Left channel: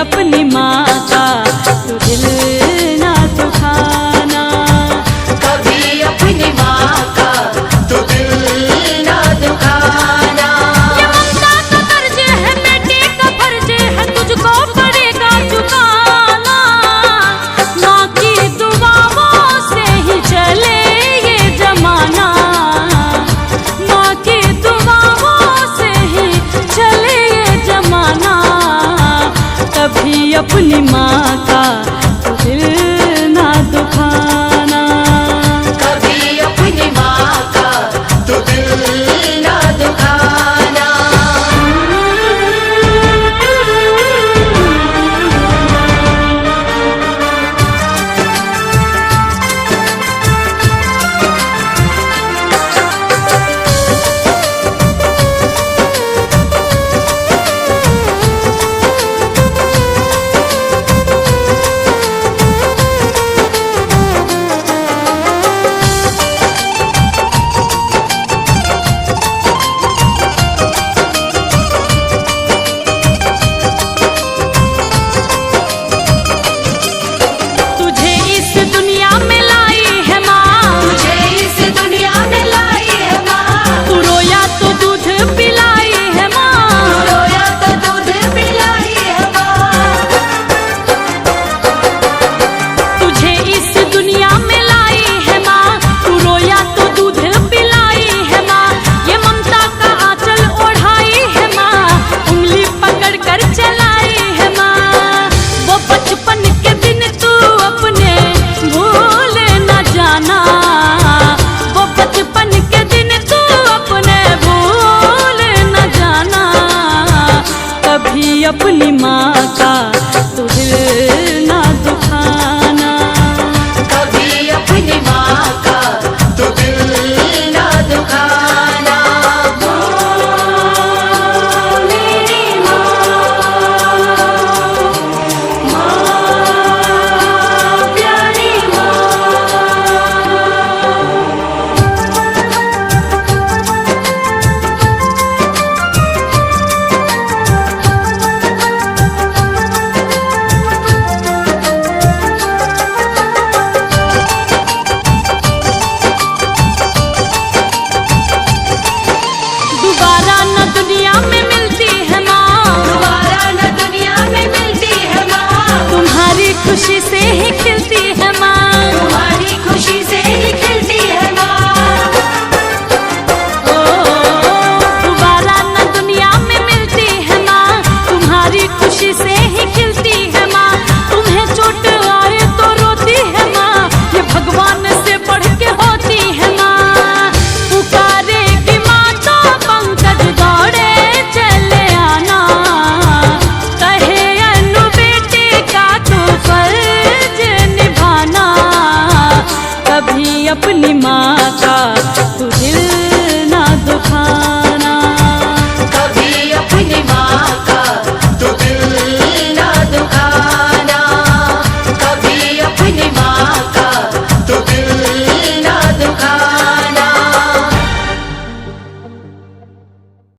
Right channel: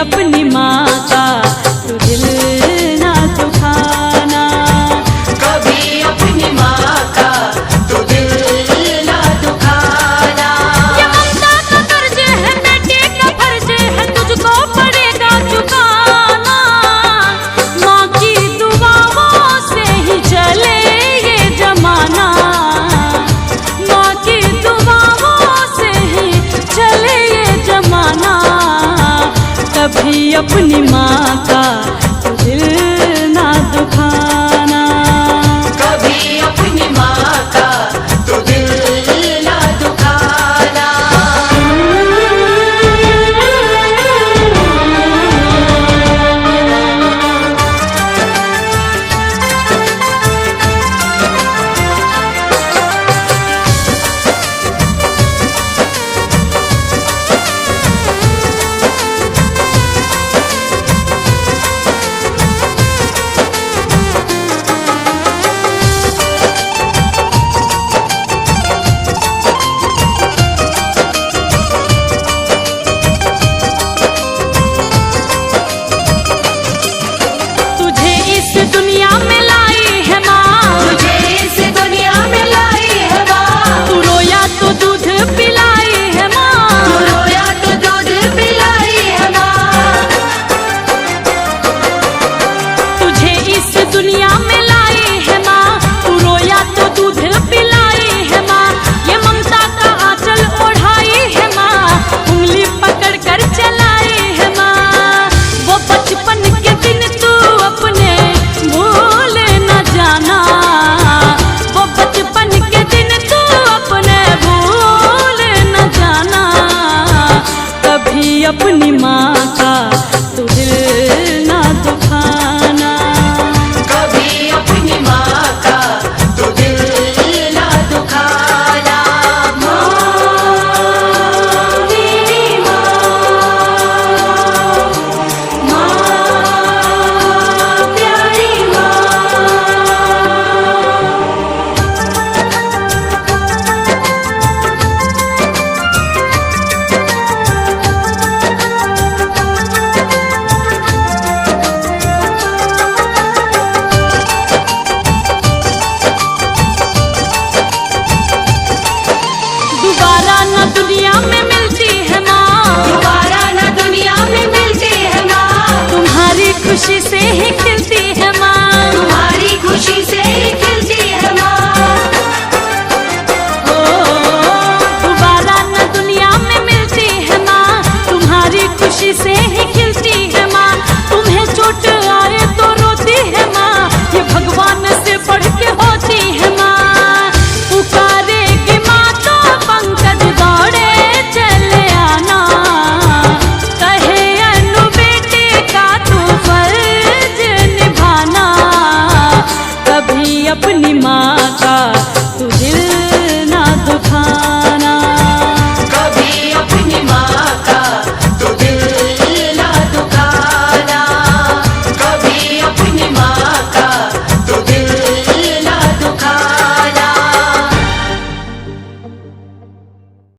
अपनी माँ का तू दिल ना दुखाना, कभी अपनी माँ का तू दिल ना दुखाना। ये ममता का कर्ज है, बेटे का फर्ज है, तुझको पड़ेगा चुकाना। माँ की दुआओं से ही चले ये जमाना, माँ की दुआओं से ही चले ये जमाना। कभी अपनी माँ का तू दिल ना दुखाना, कभी अपनी माँ का तू दिल ना दुखाना। दुनिया में लाई है माँ, तुझे इस दुनिया में लाई है माँ। तू रोया तो दूध पिलाई है माँ, तू रोया तो दूध पिलाई है माँ। तुझे इस दुनिया में लाई है माँ, तू रोया तो दूध पिलाई है माँ। ये ममता का आंचल ओढ़ाई है माँ, उंगली पकड़ कर चलाई है माँ। वो बचपन के दिन तू अपने भूल न जाना, वो बचपन के दिन तू अपने भूल न जाना। कभी अपनी माँ का तू दिल ना दुखाना, कभी अपनी माँ का तू दिल ना दुखाना। मेरी प्यारी दोबारा न दुनिया में मिलती है माँ, दोबारा न दुनिया में मिलती है माँ। तुम्हारी खुशी से ही खिलती है माँ, तुम्हारी खुशी से ही खिलती है माँ। ओ दोबारा न दुनिया में मिलती है माँ, तुम्हारी खुशी से ही खिलती है माँ। तुम्हें चोट आए तो रोती है माँ, ये भगवान से पढ़ के होती है माँ। पुकारेगी माँ तो पंकज दौड़े चले आना, कहे अनु बेटे का तू फर्ज निभाना। कभी अपनी माँ का तू दिल ना दुखाना।